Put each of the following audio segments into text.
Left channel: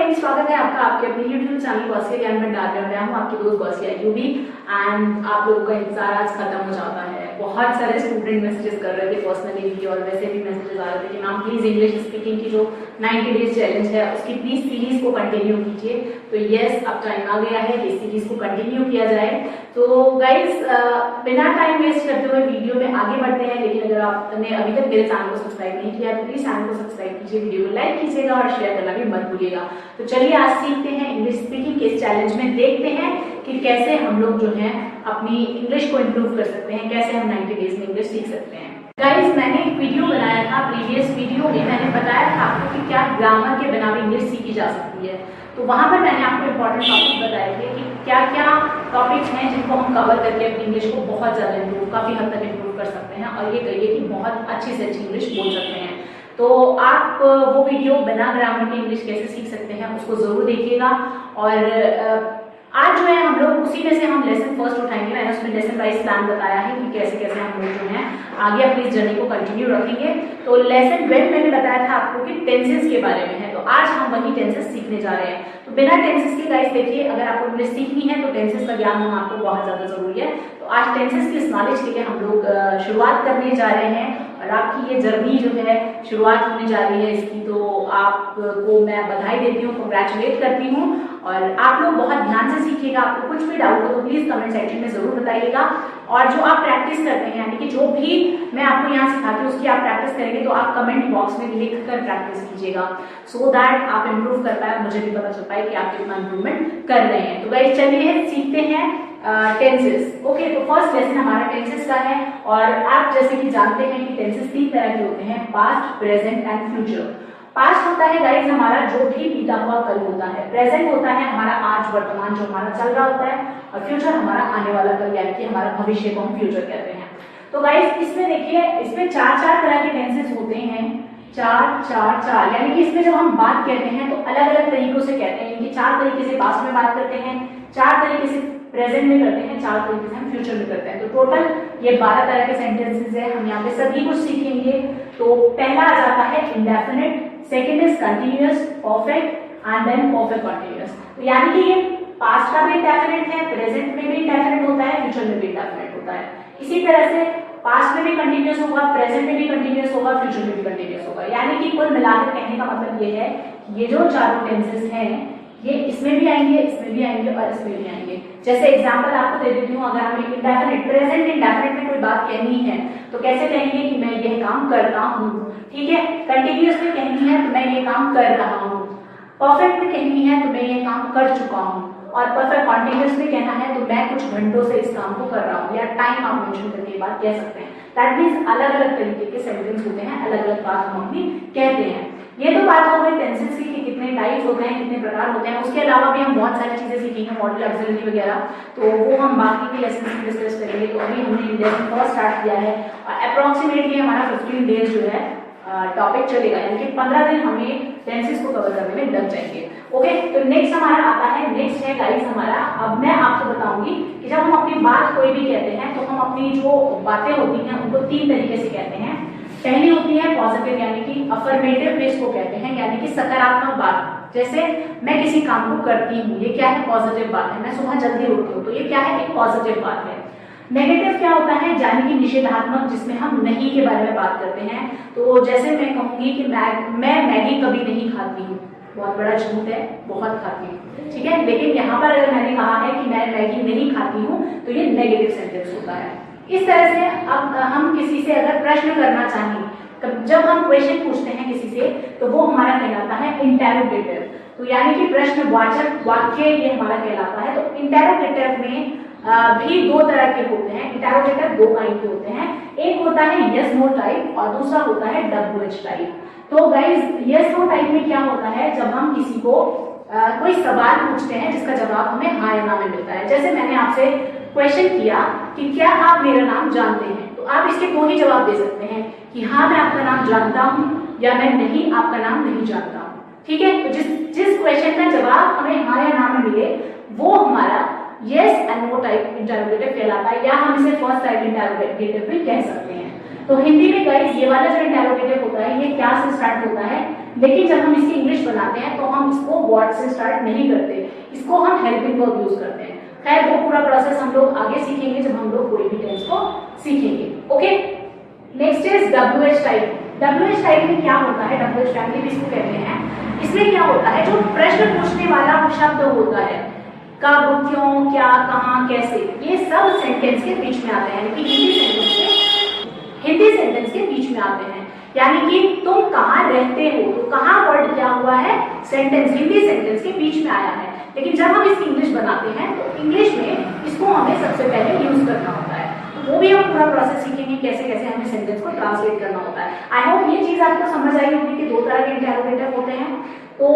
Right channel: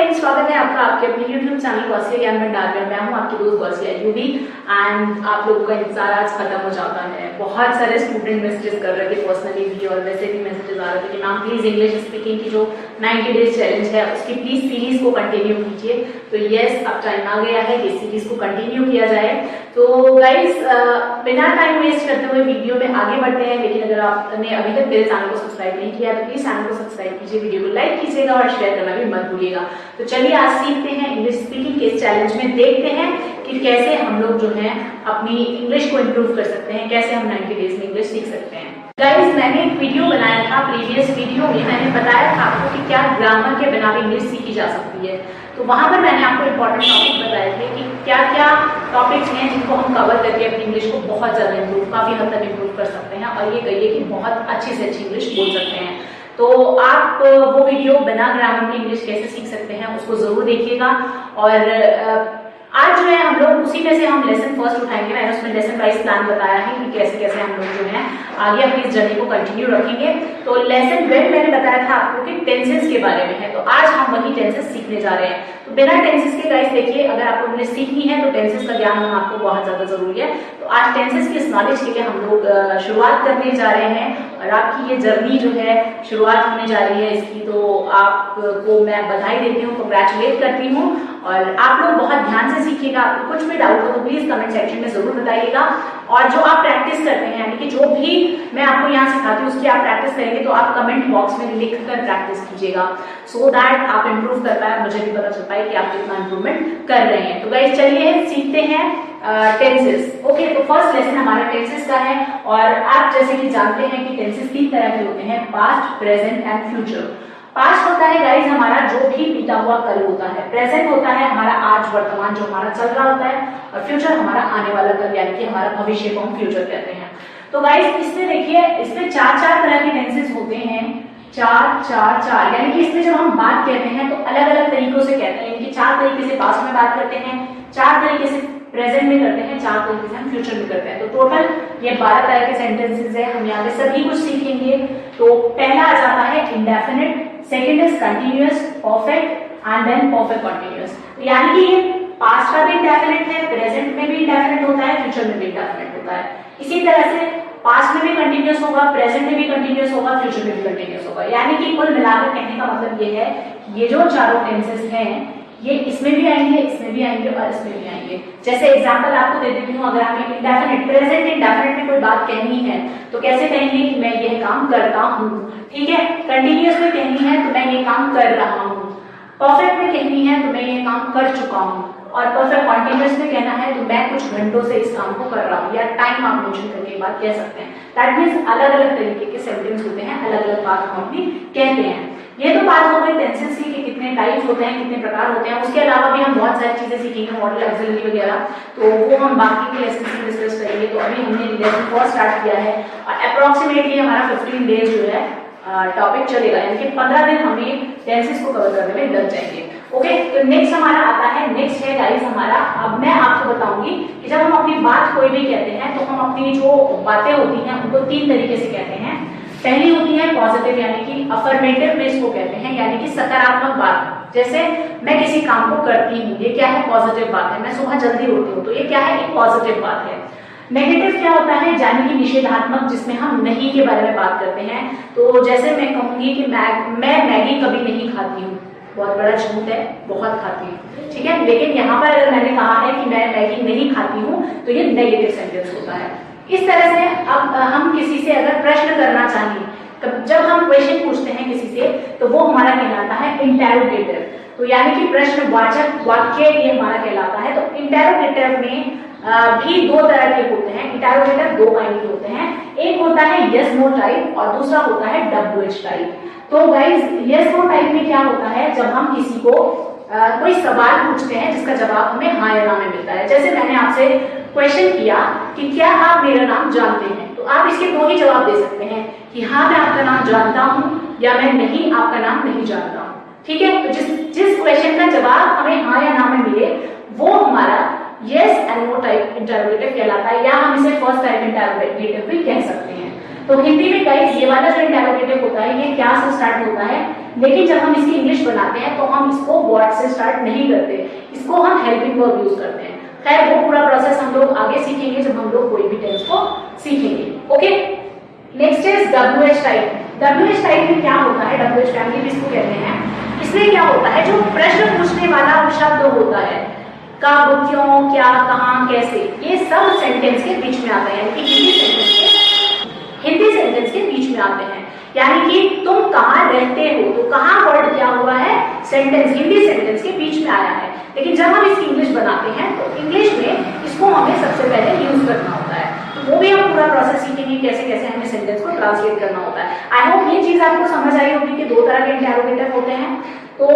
Friends, स्वागत है आपका आपके अपने YouTube चैनल गॉसिया ज्ञान भंडार में। मैं हूं आपकी दोस्त गॉसिया यूवी एंड आप लोगों का इंतजार आज खत्म हो जाता है। बहुत सारे स्टूडेंट मैसेजेस कर रहे थे पर्सनली भी और वैसे भी मैसेजेस आ रहे थे कि मैम प्लीज इंग्लिश स्पीकिंग की जो 90 डेज चैलेंज है उसकी प्लीज सीरीज को कंटिन्यू कीजिए। तो यस, अब टाइम आ गया है कि सीरीज को कंटिन्यू किया जाए। तो गाइज बिना टाइम वेस्ट करते हुए वीडियो में आगे बढ़ते हैं। लेकिन अगर आपने अभी तक मेरे चैनल को सब्सक्राइब नहीं किया तो प्लीज चैनल को सब्सक्राइब कीजिए, वीडियो को लाइक कीजिएगा और शेयर करना भी मत भूलिएगा। तो चलिए आज सीखते हैं इंग्लिश स्पीकिंग के इस चैलेंज में, देखते हैं कि कैसे हम लोग जो है अपनी इंग्लिश को इम्प्रूव कर सकते हैं, कैसे हम 90 डेज में इंग्लिश सीख सकते हैं। गाइज मैंने एक वीडियो बनाया था, प्रीवियस वीडियो में मैंने बताया था आपको कि क्या ग्रामर के बिना भी इंग्लिश सीखी जा सकती है। तो वहां पर मैंने आपको इंपॉर्टेंट टॉपिक बताए थे कि क्या क्या टॉपिक्स हैं जिनको हम कवर करके अपनी इंग्लिश को बहुत ज्यादा इम्प्रूव, काफी हद तक इम्प्रूव कर सकते हैं और ये कहिए कि बहुत अच्छी से अच्छी इंग्लिश बोल सकते हैं। तो आप वो वीडियो बिना ग्रामर की इंग्लिश कैसे सीख सकते हैं उसको जरूर देखिएगा। और आज जो है हम लोग उसी में से हम लेसन फर्स्ट उठाएंगे। मैंने उसमें लेसन वाइज प्लान बताया है कि कैसे कैसे हम लोग जो है आगे अपनी इस जर्नी को कंटिन्यू रखेंगे। तो लेसन 1 मैंने बताया था आपको कि टेंसेस के बारे में है, तो आज हम वही टेंसेस सीखने जा रहे हैं। तो बिना टेंसेस के गाइस देखिए, अगर आपको इंग्लिश सीखनी है तो टेंसेस का ज्ञान होना आपको बहुत ज्यादा जरूरी है। तो आज टेंसेस की इस नॉलेज के लिए हम लोग शुरुआत करने जा रहे हैं और आपकी ये जर्नी जो है शुरुआत होने जा रही है इसकी। तो आपको मैं बधाई देती हूँ, कंग्रेचुलेट करती हूँ। और आप लोग बहुत ध्यान से सीखिएगा। आपको कुछ भी डाउट हो तो प्लीज कमेंट सेक्शन में जरूर बताइएगा। और जो आप प्रैक्टिस करते हैं, यानी कि जो भी मैं आपको यहाँ सिखाती हूँ उसकी आप प्रैक्टिस करेंगे तो आप कमेंट बॉक्स में लिख कर प्रैक्टिस कीजिएगा, सो दैट आप इम्प्रूव कर पाए, मुझे भी पता चल पाए कि आप कितना इम्प्रूवमेंट कर रहे हैं। तो गाइस चलिए सीखते हैं टेंसेस। ओके, तो फर्स्ट लेसन हमारा टेंसेस का है। और आप जैसे कि जानते हैं कि टेंसेस 3 तरह के होते हैं, past, present and future. Past होता है गाइज हमारा जो भी बीता हुआ कल होता है, प्रेजेंट होता है हमारा आज वर्तमान जो हमारा चल रहा होता है, और फ्यूचर हमारा आने वाला कल यानी कि हमारा भविष्य को हम फ्यूचर कहते हैं। तो गाइज इसमें देखिए, इसमें 4 तरह के टेंसेस होते हैं, 4 यानी कि इसमें जब हम बात कहते हैं तो अलग अलग तरीकों से कहते हैं। यानी कि 4 तरीके से पास्ट में बात करते हैं, 4 तरीके से प्रेजेंट में करते हैं, 4 तरीके से हम फ्यूचर में करते हैं। तो टोटल ये 12 तरह के सेंटेंसेस है, हम यहाँ पे सभी कुछ सीखेंगे। तो पहला आ जाता है indefinite, second is continuous, perfect and then perfect continuous. तो यानी कि ये पास्ट का भी इंडेफिनिट है, प्रेजेंट में भी इंडेफिनिट होता है, फ्यूचर में भी इंडेफिनिट होता है। इसी तरह से पास्ट में भी कंटिन्यूअस होगा, प्रेजेंट में भी कंटिन्यूअस होगा, फ्यूचर में भी कंटिन्यूअस होगा। यानी कि कुल मिलाकर कहने का मतलब ये है कि ये जो चारों टेंसेस हैं ये इसमें भी आएंगे, इसमें भी आएंगे और इसमें भी आएंगे। जैसे एग्जांपल आपको दे देती हूँ, अगर हमें इंडेफिनिट, प्रेजेंट इंडेफिनिट में कोई बात कहनी है तो कैसे कहेंगे कि मैं यह काम करता हूँ, ठीक है। कंटिन्यूअस में कहनी है तो मैं ये काम कर रहा हूँ, परफेक्ट में कहनी है तो मैं ये काम कर चुका हूँ, और परफेक्ट कॉन्टिन्यूअस में कहना है तो मैं कुछ घंटों से इस काम को कर रहा हूँ, या टाइम आप मेंशन करके बात कह सकते हैं। दैट मींस अलग अलग तरीके के सेंटेंस होते हैं, अलग अलग बात हम अपनी कहते हैं। ये तो बात हो गई टेंसेस की कि कितने टाइप्स होते हैं, कितने प्रकार होते हैं। उसके अलावा भी हम बहुत सारी चीजें सीखेंगे, मॉडल ऑक्सिलरी वगैरह, तो वो हम बाकी के लेसन में डिस्कस करेंगे। तो अभी हमने लेसन 4 स्टार्ट किया है और अप्रोक्सीमेटली हमारा 15 डेज जो है टॉपिक चलेगा, यानी कि 15 दिन हमें टेंसेस को कवर करने में लग जाएंगे। ओके, तो नेक्स्ट हमारा आता है, नेक्स्ट है गाइस हमारा, अब मैं आपको बताऊंगी कि जब हम अपनी बात कोई भी कहते हैं तो हम अपनी जो बातें होती हैं उनको 3 तरीके से कहते हैं। पहली होती है पॉजिटिव, यानी कि अफर्मेटिव बेस को कहते हैं, यानी कि सकारात्मक बात। जैसे मैं किसी काम को करती हूँ, ये क्या है, पॉजिटिव बात है। मैं सुबह जल्दी उठती हूँ तो ये क्या है, एक पॉजिटिव बात है। नेगेटिव क्या होता है, यानी कि निषेधात्मक, जिसमें हम नहीं के बारे में बात करते हैं। तो जैसे मैं कहूंगी कि मैं मैगी कभी नहीं खाती हूँ, बहुत बड़ा झूठ है, बहुत खाती हूँ, ठीक है। लेकिन यहाँ पर अगर मैंने कहा है कि मैं मैगी नहीं खाती हूँ तो ये नेगेटिव सेंटेंस होता है। इस तरह से अब हम किसी से अगर प्रश्न करना चाहें, जब हम क्वेश्चन पूछते हैं किसी से तो वो हमारा कहलाता है इंटेरोगेटिव। तो यानी कि प्रश्नवाचक वाक्य ये हमारा कहलाता है। तो इंटेरोगेटिव में भी 2 तरह के होते हैं। इंटेरोगेटिव 2 काइंड के होते हैं, एक होता है यस नो टाइप और दूसरा होता है WH टाइप। तो गाइज यस नो टाइप में क्या होता है, जब हम किसी को कोई सवाल पूछते हैं जिसका जवाब हमें हाँ या ना में मिलता है। जैसे मैंने आपसे क्वेश्चन किया कि क्या आप मेरा नाम जानते हैं, तो आप इसके 2 ही जवाब दे सकते हैं कि हाँ मैं आपका नाम जानता हूँ या मैं नहीं, आपका नाम नहीं जानता हूँ, ठीक है। तो जिस क्वेश्चन का जवाब हमें हाँ या ना में मिले वो हमारा yes and no type interrogative कहलाता है, या हम इसे फर्स्ट टाइप इंटरोगेटिव भी कह सकते हैं। तो हिंदी में गाइस ये वाला जो इंटरोगेटिव होता है ये क्या से स्टार्ट होता है, लेकिन जब हम इसकी इंग्लिश बनाते हैं तो हम इसको व्हाट से स्टार्ट नहीं करते, इसको हम हेल्पिंग वर्ब यूज करते हैं। खैर वो पूरा प्रोसेस हम लोग आगे सीखेंगे जब हम लोग कोई भी टेंस को सीखेंगे। Okay, next is WH type. WH type में क्या होता है, WH फैमिली भी इसको कहते हैं। इसमें क्या होता है, जो प्रश्न पूछने वाला शब्द होता है, कब, क्यों, क्या, कहां, कैसे, ये सब सेंटेंस के बीच में आता है, यानी कि हिंदी सेंटेंस के बीच में आते हैं। यानी कि तुम कहाँ रहते हो, तो कहाँ वर्ड क्या हुआ है, सेंटेंस, हिंदी सेंटेंस के बीच में आया है। लेकिन जब हम इसकी इंग्लिश बनाते हैं तो इंग्लिश में इसको हमें सबसे पहले यूज करना होता है। तो वो भी हम पूरा प्रोसेस सीखेंगे कैसे कैसे हमें सेंटेंस को ट्रांसलेट करना होता है। आई होप ये चीज आपको समझ आई होगी कि दो तरह के इंटरोगेटिव होते हैं। तो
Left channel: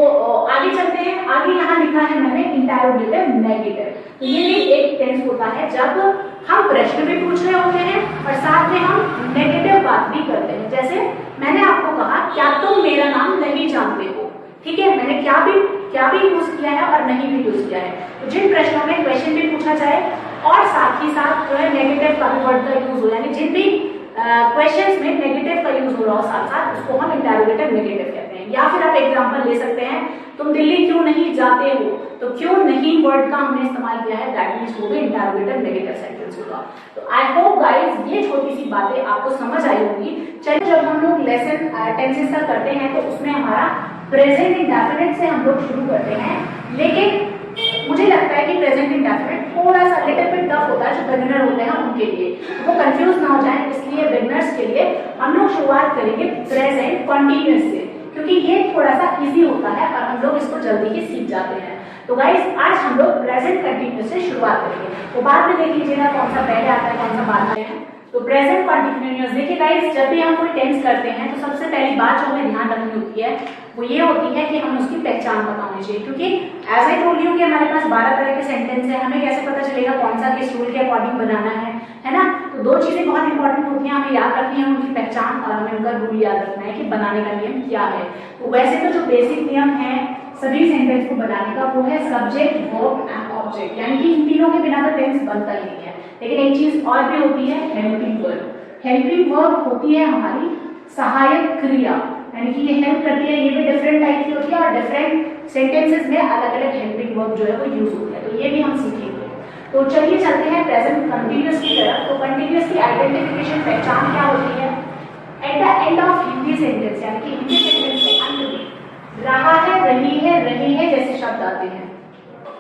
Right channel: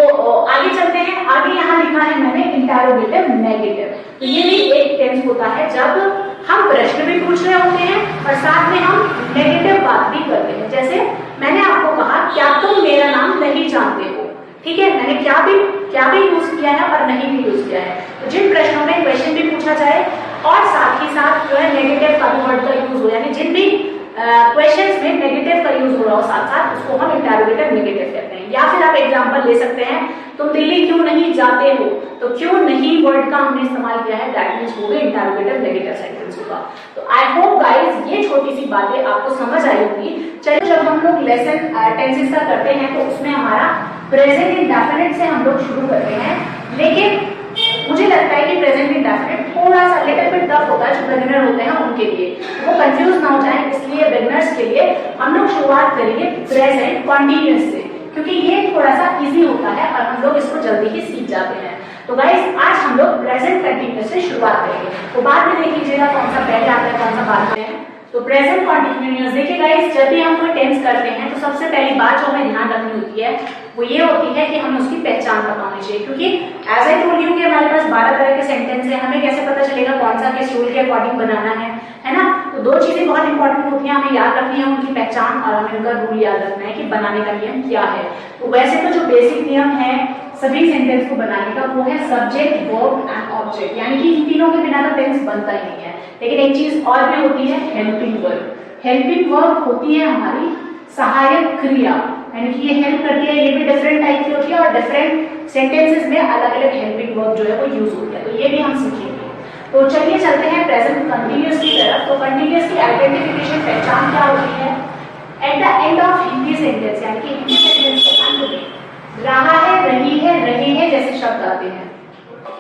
आगे चलते हैं, आगे यहाँ लिखा है मैंने इंटरोगेटिव नेगेटिव। तो ये भी एक टेंस होता है जब हम प्रश्न भी पूछ रहे होते हैं और साथ में हम नेगेटिव बात भी करते हैं। जैसे मैंने आपको कहा, क्या तुम मेरा नाम नहीं जानते हो, ठीक है, मैंने क्या भी यूज किया है और नहीं भी यूज किया है। तो जिन प्रश्नों में क्वेश्चन भी पूछा जाए और साथ ही साथ जो है नेगेटिव का वर्ड का यूज हो, यानी जिन भी क्वेश्चंस में नेगेटिव का यूज हो रहा हो साथ साथ, उसको हम इंटरोगेटिव नेगेटिव कहते हैं। या फिर आप एग्जांपल ले सकते हैं, तुम दिल्ली क्यों नहीं जाते हो, तो क्यों नहीं वर्ड का हमने इस्तेमाल किया है, दैट मींस वो भी इंटरोगेटिव नेगेटिव सेंटेंस होगा। तो आई होप गाइस ये छोटी सी बातें आपको समझ आई होगी। चलिए, जब हम लोग लेसन टेंसेस का करते हैं तो उसमें हमारा प्रेजेंट इंडेफिनिट से हम लोग शुरू करते हैं, लेकिन मुझे लगता है कि प्रेजेंट इंडेफिनिट थोड़ा सा लिटिल बिट टफ होता है जो बिगिनर होते हैं उनके लिए, तो वो कंफ्यूज ना हो जाए, इसलिए बिगिनर्स के लिए हम लोग शुरुआत करेंगे प्रेजेंट कॉन्टिन्यूअस से, क्योंकि ये थोड़ा सा इजी होता है और हम लोग इसको जल्दी ही सीख जाते हैं। तो गाइस आज हम लोग प्रेजेंट कंटिन्यूअस से शुरुआत करेंगे, तो बाद में देख लीजिएगा कौन सा पहले आता है कौन सा बाद में है। तो प्रेजेंट कॉन्टिन्यूअस, देखिए गाइस जब भी हम कोई टेंस करते हैं तो सबसे पहली बात जो हमें ध्यान रखनी होती है वो ये होती है कि हमें उसकी पहचान पता होनी चाहिए, क्योंकि एज आई टोल्ड यू कि हमारे पास 12 तरह के सेंटेंस है, हमें कैसे पता चलेगा कौन सा किस रूल के अकॉर्डिंग बनाना है ना। तो दो चीजें बहुत इंपॉर्टेंट होती हैं, हमें याद रखनी है उनकी पहचान और हमें उनका रूल याद रखना है कि बनाने का नियम क्या है। तो वैसे तो जो बेसिक नियम है सभी सेंटेंस को बनाने का वो है सब्जेक्ट, वर्ब एंड ऑब्जेक्ट, यानी कि इन तीनों के बिना तो टेंस बनता ही नहीं है। लेकिन एक चीज और भी होती है, हेल्पिंग वर्ब। हेल्पिंग वर्ब होती है हमारी सहायक क्रिया, यानी कि ये हेल्प करती है, ये भी डिफरेंट टाइप की होती है और डिफरेंट सेंटेंसेस में अलग अलग हेल्पिंग वर्ब जो है वो यूज होती है, तो ये भी हम सीखेंगे। तो चलिए चलते हैं प्रेजेंट कंटिन्यूअस की तरफ। तो कंटिन्यूअस की आइडेंटिफिकेशन, पहचान क्या होती है, at the end of Hindi sentence, यानी कि हिंदी सेंटेंस के अंत में रहा है, रही है, रहे हैं जैसे शब्द आते हैं,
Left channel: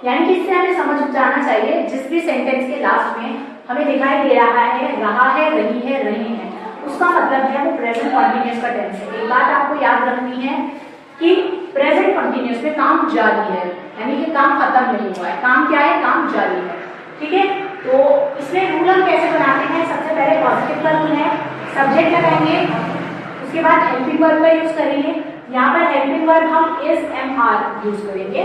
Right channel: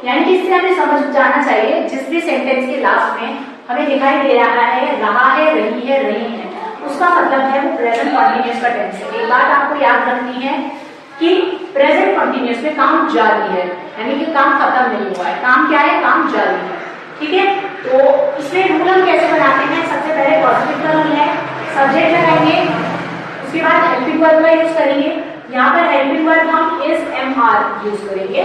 यानी कि इससे हमें समझ जाना चाहिए जिस भी सेंटेंस के लास्ट में हमें दिखाई दे रहा है, रहा है, रही है, रहे हैं, उसका मतलब है वो प्रेजेंट कॉन्टिन्यूअस का टेंस है। एक बात आपको याद रखनी है कि प्रेजेंट कॉन्टिन्यूअस में काम जारी है, यानी कि काम खत्म नहीं हुआ है, काम क्या है, काम जारी है, ठीक है। तो इसमें रूल हम कैसे बनाते हैं, सबसे पहले पॉजिटिव का रूल है, सब्जेक्ट लगाएंगे, उसके बाद हेल्पिंग वर्ब का यूज करेंगे। यहाँ पर हेल्पिंग वर्ब हम इज, एम, आर यूज करेंगे,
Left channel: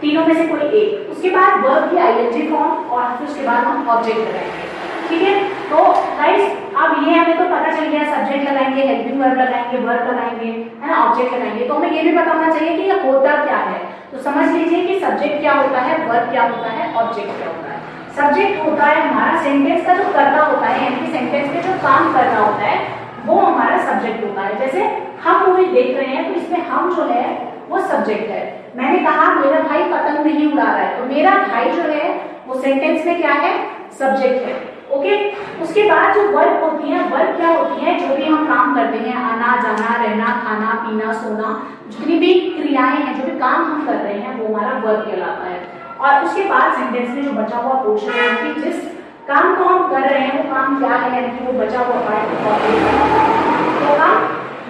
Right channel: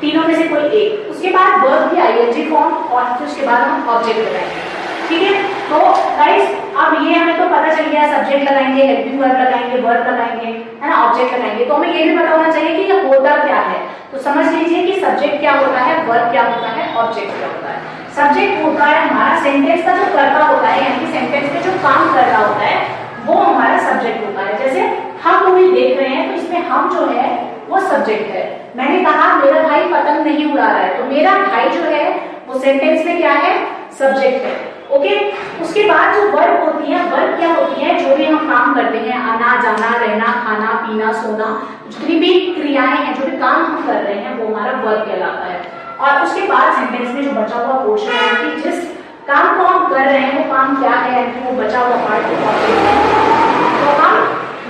तीनों में से कोई एक। उसके बाद वर्ब की आईएनजी फॉर्म और फिर उसके बाद हम ऑब्जेक्ट लगाएंगे, ठीक है। तो गाइस अब ये हमें तो पता चल गया, सब्जेक्ट लगाएंगे, हेल्पिंग वर्ब लगाएंगे, वर्ब लगाएंगे, है ना, ऑब्जेक्ट लगाएंगे। तो हमें ये भी पता होना चाहिए कि ये होता क्या है। तो समझ लीजिए कि सब्जेक्ट क्या होता है, वर्ब क्या होता है, ऑब्जेक्ट क्या होता है। सब्जेक्ट होता है हमारा सेंटेंस का जो कर्ता होता है, यानी कि सेंटेंस में जो काम कर रहा होता है वो हमारा सब्जेक्ट होता है। जैसे हम मूवी देख रहे हैं तो इसमें हम जो है वो सब्जेक्ट है। मैंने कहा मेरा भाई पतंग नहीं उड़ा रहा है, तो मेरा भाई जो है वो सेंटेंस में क्या है, सब्जेक्ट है, ओके। उसके बाद जो वर्ब होती है, वर्ब क्या होती है, जो भी हम काम करते हैं, आना जाना, रहना, खाना पीना, सोना, जितनी भी क्रियाएं हैं, जो भी काम हम कर रहे हैं वो हमारा वर्ब कहलाता है। और उसके बाद सेंटेंस में जो बचा हुआ पोर्शन है कि जिस काम को हम कर रहे हैं वो काम क्या है, वो बचा हुआ पार्ट तो हम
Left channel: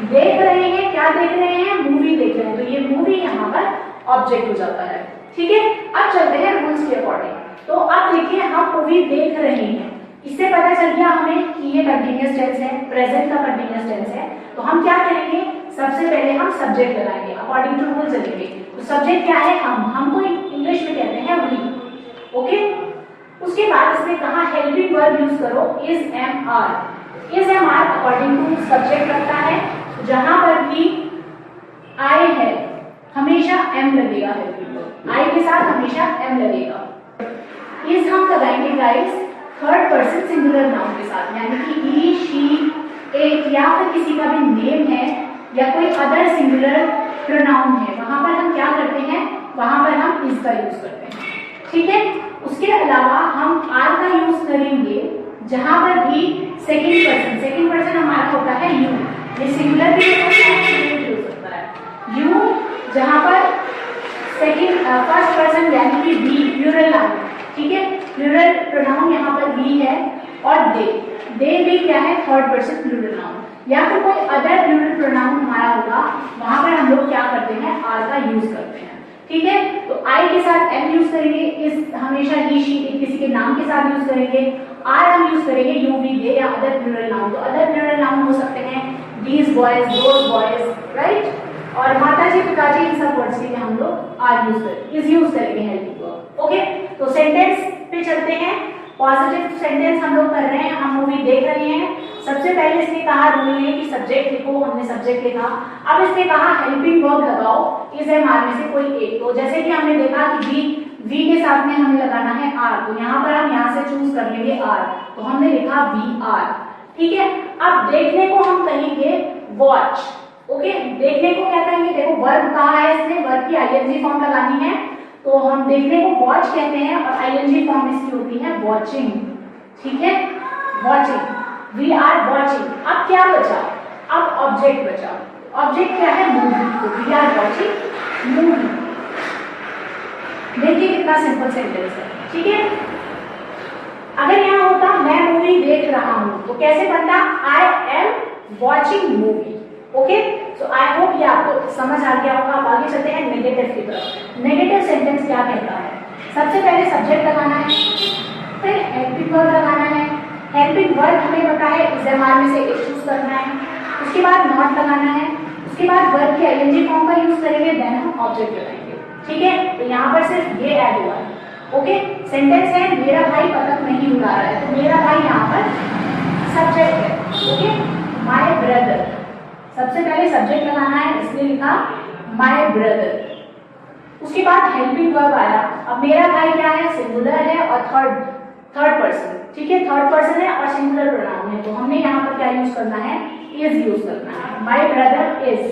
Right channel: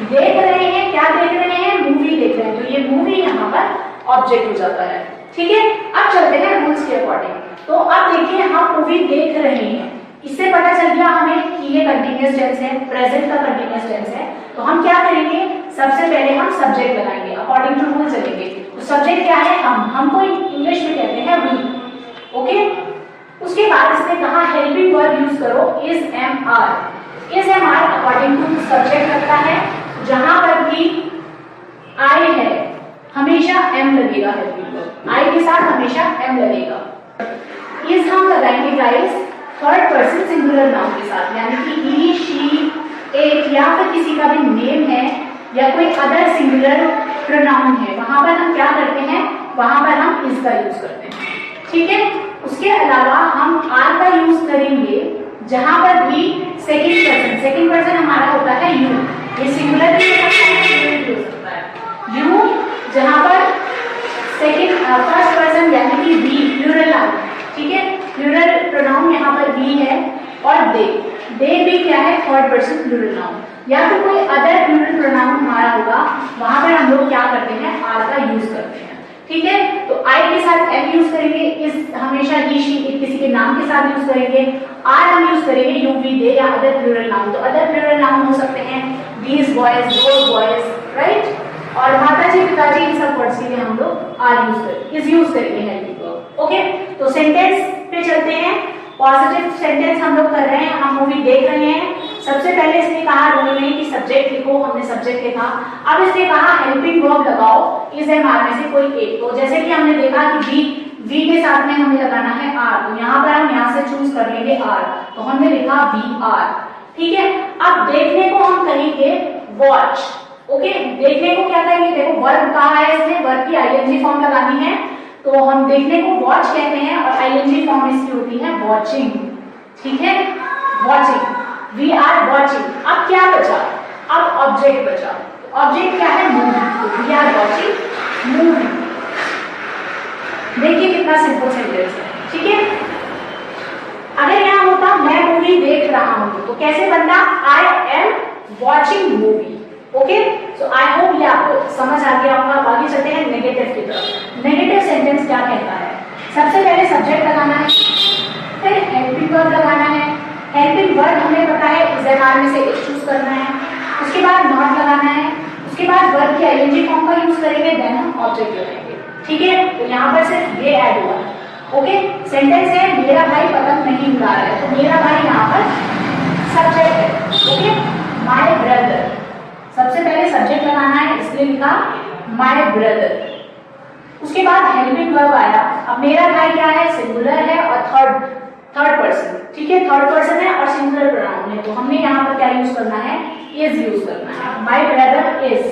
देख रहे हैं, क्या देख रहे हैं, मूवी देख रहे हैं, तो ये मूवी यहाँ पर ऑब्जेक्ट हो जाता है, ठीक है। अब चलते हैं रूल्स के अकॉर्डिंग। तो अब देखिए हम मूवी देख रहे हैं, इससे पता चल गया हमें कि ये कंटिन्यूअस टेंस है, प्रेजेंट का कंटिन्यूअस टेंस है। तो हम क्या करेंगे, सबसे पहले हम सब्जेक्ट लगाएंगे, अकॉर्डिंग टू रूल चलेंगे। तो सब्जेक्ट क्या है, हमको इंग्लिश में कहते हैं वी, ओके। उसके बाद इसने कहा हेल्पिंग वर्ब यूज करो, is, am, are. Is, am, are according to subject लगता है, जहां पर भी आई है हमेशा एम लगेगा, हेल्पिंग वर्ब आई के साथ हमेशा एम लगेगा। इज हम लगाएंगे guys third person singular noun के साथ, यानी कि ही, शी, इट या फिर किसी का भी नेम है या कोई अदर सिंगुलर प्रोनाउन है, वहां पर हम क्या करते हैं, वहां पर हम इज का यूज करते हैं। ठीक है, उसके अलावा हम आर का यूज करेंगे जहां पर भी सेकंड पर्सन हमारा होता है यू, ये सिंगुलर भी हो सकता है, प्लूरल भी हो सकता है। यू जहां पर फर्स्ट पर्सन यानी कि वी प्लूरल नाउन, ठीक है, प्लूरल प्रोनाउन यहाँ पर वी है, और दे भी क्या है, थर्ड पर्सन प्लूरल नाउन, या फिर कोई अदर प्लूरल प्रोनाउन हमारा होगा, वहां पर हम लोग क्या करते हैं, आर का यूज करते हैं। ठीक है, तो आई के साथ एम यूज करेंगे, इस हमेशा ही शी किसी के नाम के साथ यूज करेंगे, आर हम यूज करेंगे यू वी दे या अदर प्लूरल नाउन। तो अदर प्लूरल नाउन हो सकते हैं these boys, those boys, right, और माता जी पिताजी, इन सब वर्ड्स के लिए हम लोग आर यूज करेंगे, इज यूज करेंगे हेल्पिंग वर्ब। ओके, तो सेंटेंस पे चलते हैं। पॉजिटिव सेंटेंस हम लोग कर रहे हैं, हम मूवी देख रहे हैं। सबसे पहले इसने कहा रूल में कि सब्जेक्ट लिखो, हमने सब्जेक्ट लिखा। अब इसने कहा हेल्पिंग वर्ब लगाओ इज एम आर में से कोई एक। तो जैसे कि हमने देखा कि वी के साथ में हमें लगाना है आर, तो यहाँ पर हम यहाँ से चूज कर लेंगे आर, तो हमने लिखा वी आर। ठीक है, अब देखने को हम कहेंगे वॉच। ओके, देखने को क्या कहेंगे, देखो वर्ब कहा है इसने, वर्ब की आईएनजी फॉर्म लगानी है, तो हम देखने को वॉच कहते हैं, और आईएनजी फॉर्म इसकी होती है वॉचिंग। ठीक है, वॉचिंग, वी आर वॉचिंग। अब क्या बचा, अब ऑब्जेक्ट बचा। ऑब्जेक्ट क्या है, मूवी, तो वी आर वॉचिंग मूवी। देखिए कितना सिंपल सेंटेंस है। ठीक है, अगर यहाँ होता मैं मूवी देख रहा हूं, तो कैसे बनता, I am watching movie. Okay, so I hope ये आपको समझ आ गया होगा। अब आगे चलते हैं नेगेटिव की तरफ। नेगेटिव सेंटेंस क्या कहता है, सबसे पहले सब्जेक्ट लगाना है, फिर हेल्पिंग वर्ब लगाना है। हेल्पिंग वर्ब हमें पता है इज एम आर में से एक चूज करना है, उसके बाद नॉट लगाना है, उसके बाद वर्ब की आईएनजी फॉर्म का यूज करेंगे, देन हम ऑब्जेक्ट लगाएंगे। ठीक है, तो यहाँ पर सिर्फ ये ऐड हुआ है। ओके, सेंटेंस है मेरा भाई पतंग नहीं उड़ा रहा है, तो मेरा भाई यहाँ पर सब्जेक्ट है। ओके, माय ब्रदर, सबसे पहले सब्जेक्ट लगाना है, इसलिए लिखा माय ब्रदर। उसके बाद हेल्पिंग वर्ब आया। अब मेरा भाई क्या है, सिंगुलर है और थर्ड पर्सन। ठीक है, थर्ड पर्सन है और सिंगुलर प्रोनाउन है, तो हमने यहाँ पर क्या यूज करना है, इज यूज करना है, माय ब्रदर इज।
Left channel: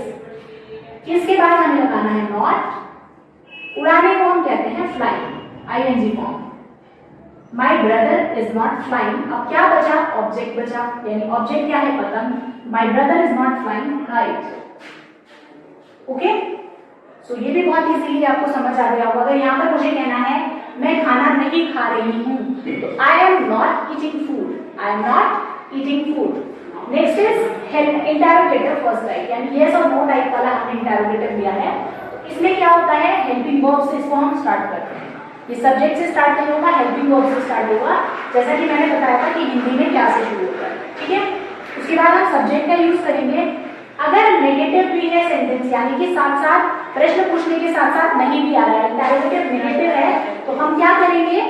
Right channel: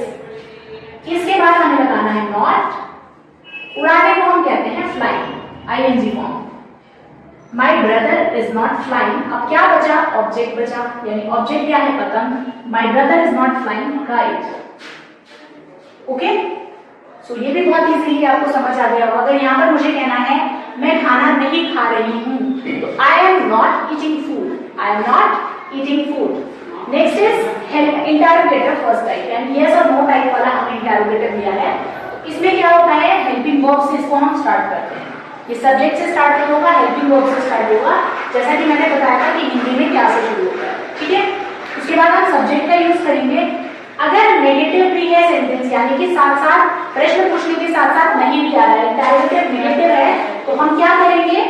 इसके बाद हमें लगाना है नॉट। उड़ाने को हम कहते हैं flying, ING form, my brother is not flying. अब क्या बचा, ऑब्जेक्ट बचा, यानी ऑब्जेक्ट क्या है, पतंग, my brother is not flying kite. Okay, so ये भी बहुत इजीली आपको समझ आ गया होगा। अगर यहाँ पर मुझे कहना है मैं खाना नहीं खा रही हूँ, तो I am not eating food, I am not eating food. Next is interrogative first type, यानी यस और नो टाइप वाला हमने इंटरोगेटिव लिया है। तो इसमें क्या होता है, हेल्पिंग वर्ब से इसको हम स्टार्ट करते हैं। ये सब्जेक्ट से स्टार्ट नहीं होगा, हेल्पिंग वर्ब से स्टार्ट होगा, जैसा कि मैंने बताया था कि हिंदी में क्या से शुरू होता है। ठीक है, उसके बाद हम सब्जेक्ट का यूज करेंगे। अगर नेगेटिव भी है सेंटेंस, यानी कि साथ साथ प्रश्न पूछने के साथ साथ नहीं भी आ रहा है, इंटरोगेटिव नेगेटिव है, तो हम क्या करेंगे,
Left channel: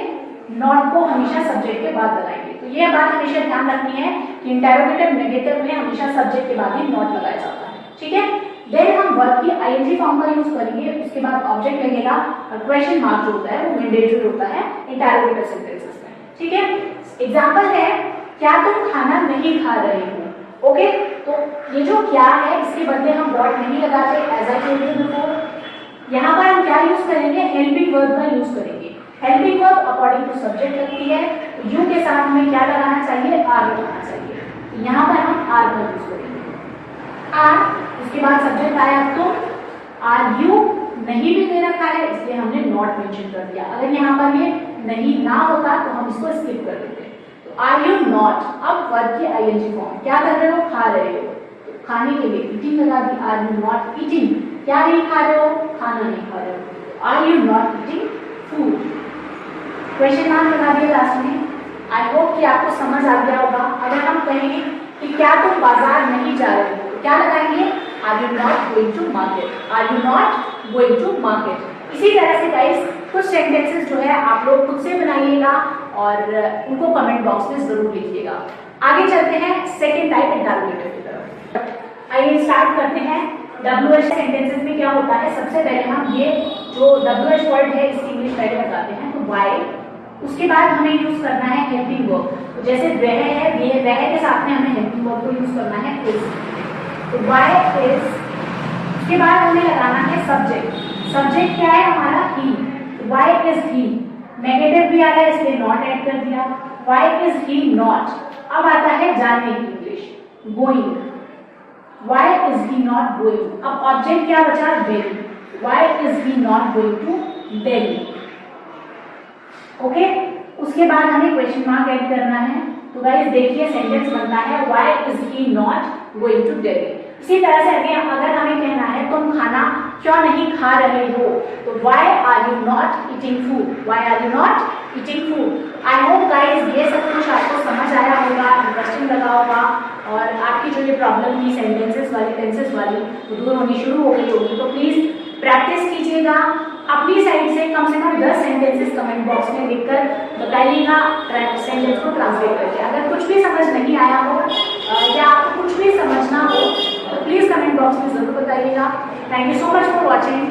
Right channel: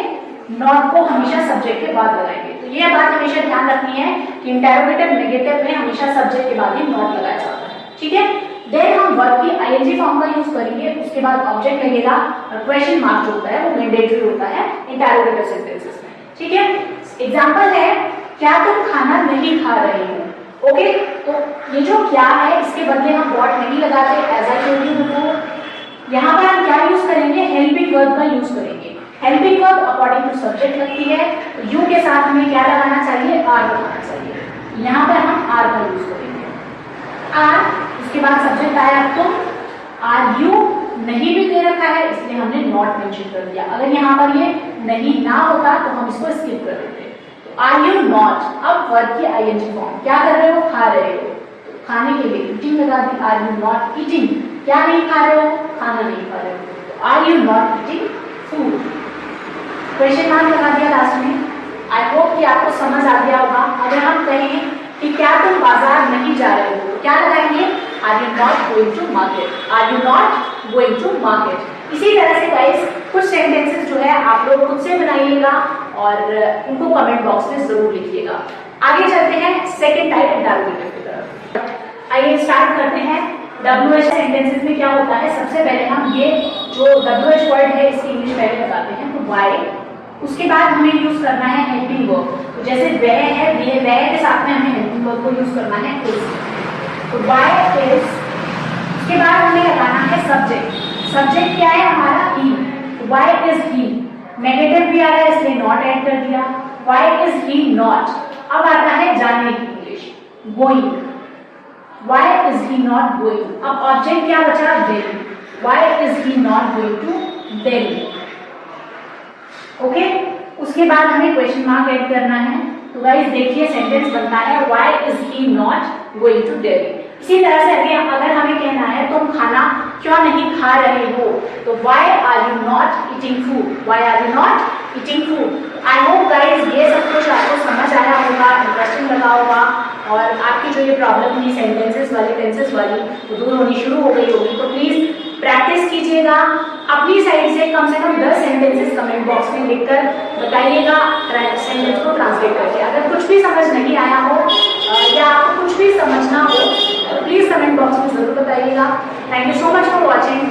नॉट को हमेशा सब्जेक्ट के बाद लगाएंगे। तो ये बात हमेशा ध्यान रखनी है कि इंटरोगेटिव नेगेटिव में हमेशा सब्जेक्ट के बाद ही नॉट लगाया जाता है। ठीक है, देन हम वर्ब की आईएनजी फॉर्म का यूज करेंगे, उसके बाद ऑब्जेक्ट लगेगा, और क्वेश्चन मार्क जो होता है वो मैंडेटरी होता है इंटरोगेटिव सेंटेंसेस में। ठीक है, एग्जांपल है क्या तुम खाना नहीं खा रहे हो। ओके, तो ये जो क्या है इसके बदले हम व्हाट नहीं लगाते, as I told you before. यहाँ पर हम क्या यूज करेंगे, हेल्पिंग वर्ब का यूज करेंगे। Helping verb according to subject लगती है, तो यू के साथ हमें क्या लगाना चाहिए, आर लगाना चाहिए। यहाँ पर हम आर का यूज करेंगे, आर। उसके बाद सब्जेक्ट आया तुम, आर यू नहीं भी दे रखा है, इसलिए हमने नॉट मेंशन कर दिया। अगर यहाँ पर ये नहीं ना होता तो हम इसको स्किप कर देते। तो आर यू नॉट, अब वर्ब की आईएनजी फॉर्म, क्या कर रहे हो, खा रहे हो, तो खाने के लिए ईटिंग लगा दी, आर यू नॉट ईटिंग, क्या नहीं खा रहे हो, खाना नहीं खा रहे हो, तो are you not eating food. Question mark लगा दिया लास्ट में। आई होप कि आपको समझ आ गया होगा। अगर हम कहें कि क्या तुम बाजार नहीं जा रहे हो, तो क्या लगाएंगे, are you not going to market, are you not going to market. इसी तरह से गाइस कुछ सेंटेंसेस जो है आप लोग खुद से बनाइएगा और इनको कमेंट बॉक्स में जरूर लिखिएगा। आगे चलते हैं सेकेंड टाइप इंटरोगेटिव की तरफ। आइए स्टार्ट करते हैं। WH सेंटेंसेस में क्या होता है, सबसे पहले हम ये जो WH वर्ड है इसकी इंग्लिश पहले लगाते हैं, तो वाई। उसके बाद हमें यूज करना है हेल्पिंग वर्ब, तो जैसे वह है, वह के साथ में हमें हेल्पिंग वर्ब को यूज करना है इज। तो वाई इज उसके बाद हमें लगाना है सब्जेक्ट। सब्जेक्ट क्या है हमारा? He. Why is he? Negative भी आ रहा है इसलिए नॉट ऐड कर दिया। Why is he not? अब आता है जानने की English, going. Why is he not going? अब ऑब्जेक्ट क्या बचा? Delhi. Why is he not going to Delhi? Okay, उसके बाद हमें क्वेश्चन मार्क ऐड करना है। तो गाइस देखिए सेंटेंस बनता है why is he not going to Delhi. इसी तरह से अगर हमें कहना है तुम खाना क्यों नहीं खा रहे हो, तो why are you not eating food? Why are you not eating food? I hope guys ये सब कुछ आपको समझ आया होगा, इंटरेस्टिंग लगा होगा और आपकी जो ये प्रॉब्लम थी सेंटेंसेस वाली, टेंसेस वाली, वो दूर होनी शुरू हो गई होगी। तो प्लीज प्रैक्टिस कीजिएगा अपनी साइड से कम 10 सेंटेंसेस कमेंट बॉक्स में लिखकर बताइएगा सेंटेंस को ट्रांसलेट करके। अगर कुछ भी समझ नहीं आया हो या आपको कुछ भी समझना हो तो प्लीज कमेंट बॉक्स में जरूर बताइएगा। Thank you so much for watching.